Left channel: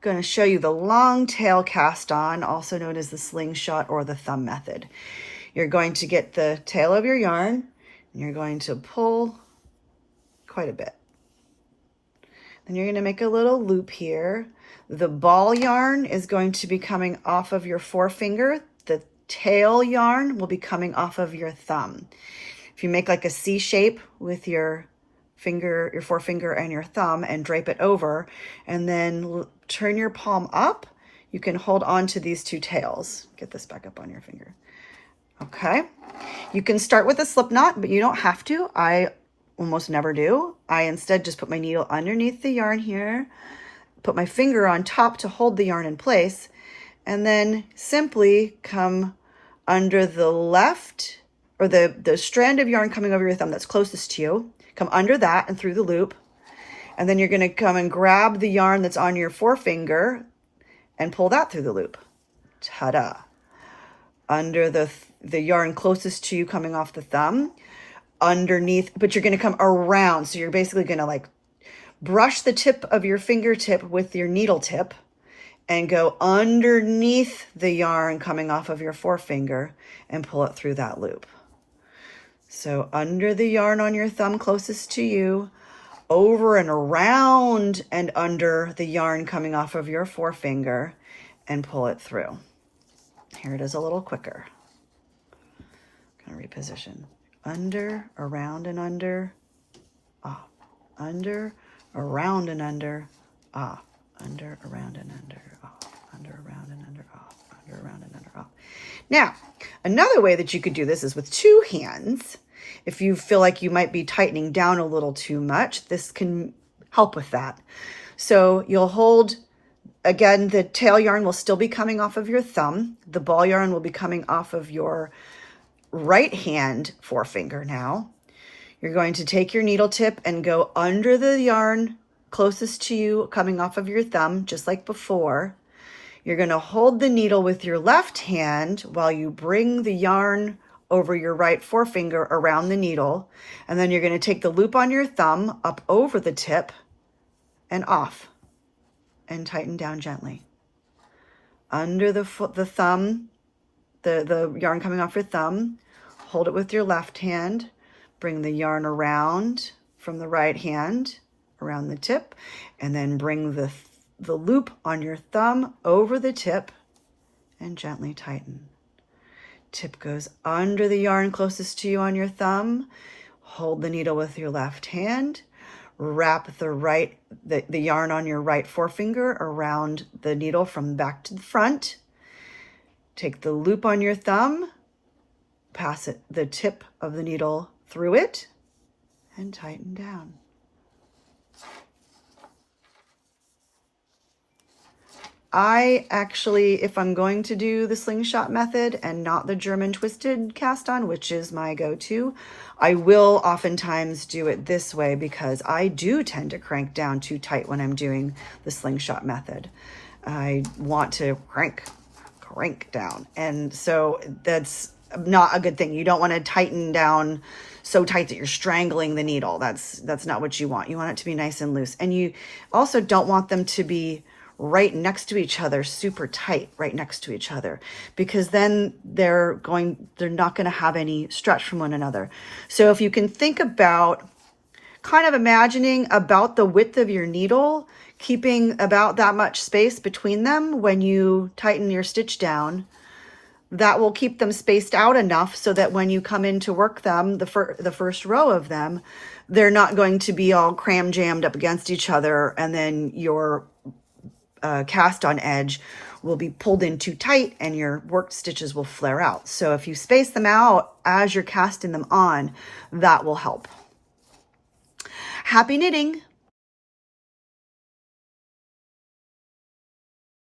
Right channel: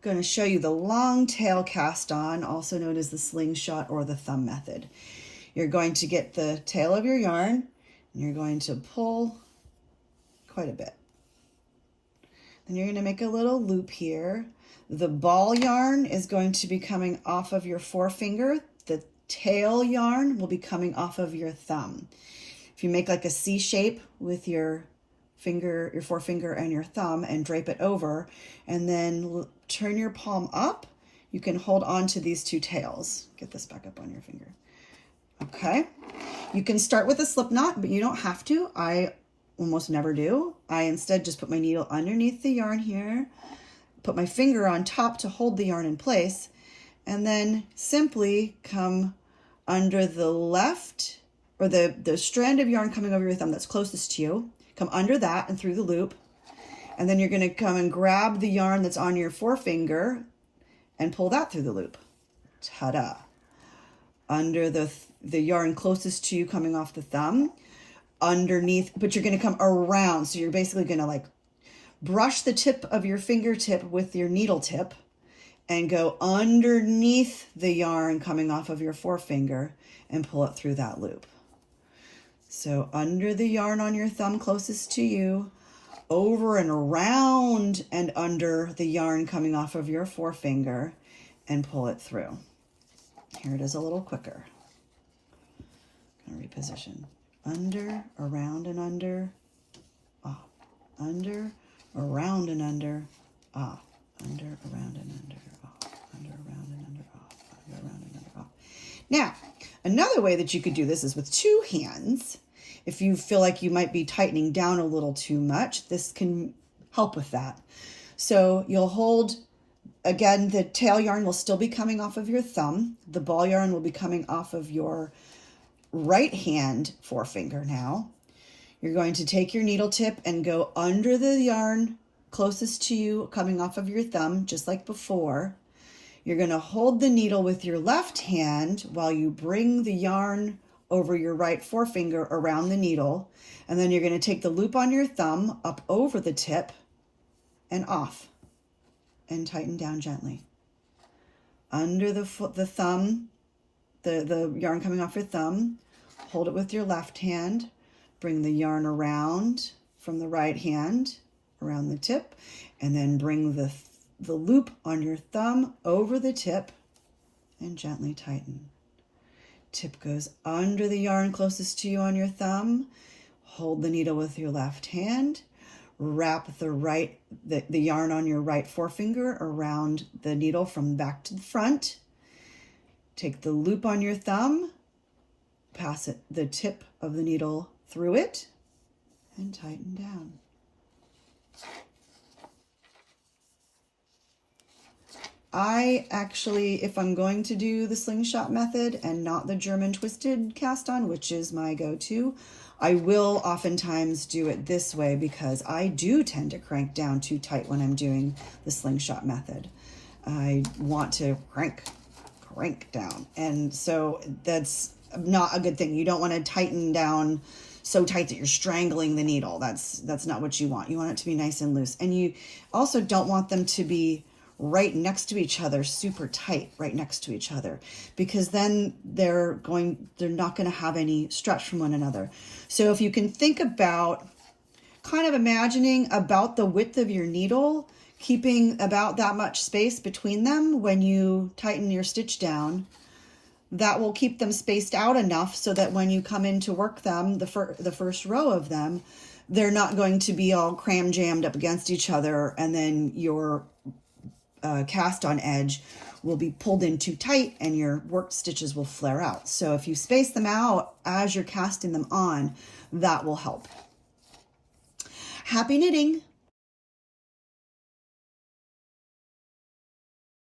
going to show you the long tail cast on, also known as the slingshot or the thumb method. You're going to get the tail of your yarn and you're going to pull quite a bit. Then you're going to make a little loop here. The ball yarn is going to be coming off of your forefinger. The tail yarn will be coming off of your thumb. If you make like a C shape with your finger, your forefinger and your thumb, and drape it over, and then turn your palm up, you can hold on to these two tails. Get this back up on your finger. Okay. You can start with a slip knot, but you don't have to. I almost never do. I instead just put my needle underneath the yarn here, put my finger on top to hold the yarn in place, and then simply come under the left, or the strand of yarn coming over your thumb that's closest to you. Come under that and through the loop. And then you're going to come and grab the yarn that's on your forefinger and pull that through the loop. Ta-da. Under the yarn closest to you coming off the thumb, underneath, but you're going to come around. So you're basically going to like brush the tip of your fingertip with your needle tip and go underneath the yarn coming off of your forefinger and pull it through that loop. So under the yarn on your thumb closest to you, over and around and under the yarn coming off of your forefinger, and pull it through. Here it is a little quicker. Gonna reposition. Under, around and under, off. Under, around and under, off. Under, around and under, off. Under, around and under, off. Under, around and under, off. Now, another way that you could do this is with two hands. If you feel like you might be tightening down a little too much, this can help with that. So you'll hold, again, the tail yarn will still be coming off of your thumb. The ball yarn will be coming off of your right hand forefinger now. You're going to take your needle tip and go under the yarn closest to you coming off of your thumb, just like before. You're going to hold the needle with your left hand while you bring the yarn over your right forefinger around the needle. And then you're going to take the loop on your thumb up over the tip and off and tighten down gently. Under the thumb, the yarn coming off your thumb, hold it with your left hand, bring the yarn around from the right hand around the tip, and then bring the loop on your thumb over the tip and gently tighten. Tip goes under the yarn closest to you on your thumb. Hold the needle with your left hand. Wrap the yarn on your right forefinger around the needle from back to the front. Take the loop on your thumb, pass the tip of the needle through it, and tighten down. I actually, if I'm going to do the slingshot method and not the German twisted cast on, which is my go-to, I will oftentimes do it this way because I do tend to crank down too tight when I'm doing the slingshot method. I want to crank down. And so that's not a good thing. You don't want to tighten down so tight that you're strangling the needle. That's not what you want. You want it to be nice and loose. And you also don't want them to be right next to each other, super tight, right next to each other, because then they're not going to have any stretch from one another. So if you can think about kind of imagining about the width of your needle, keeping about that much space between them when you tighten your stitch down, that will keep them spaced out enough so that when you come in to work them, the first row of them, they're not going to be all cram jammed up against each other, and then your cast on edge will be pulled in too tight and your worked stitches will flare out. So if you space them out as you're casting them on, that will help. Happy knitting!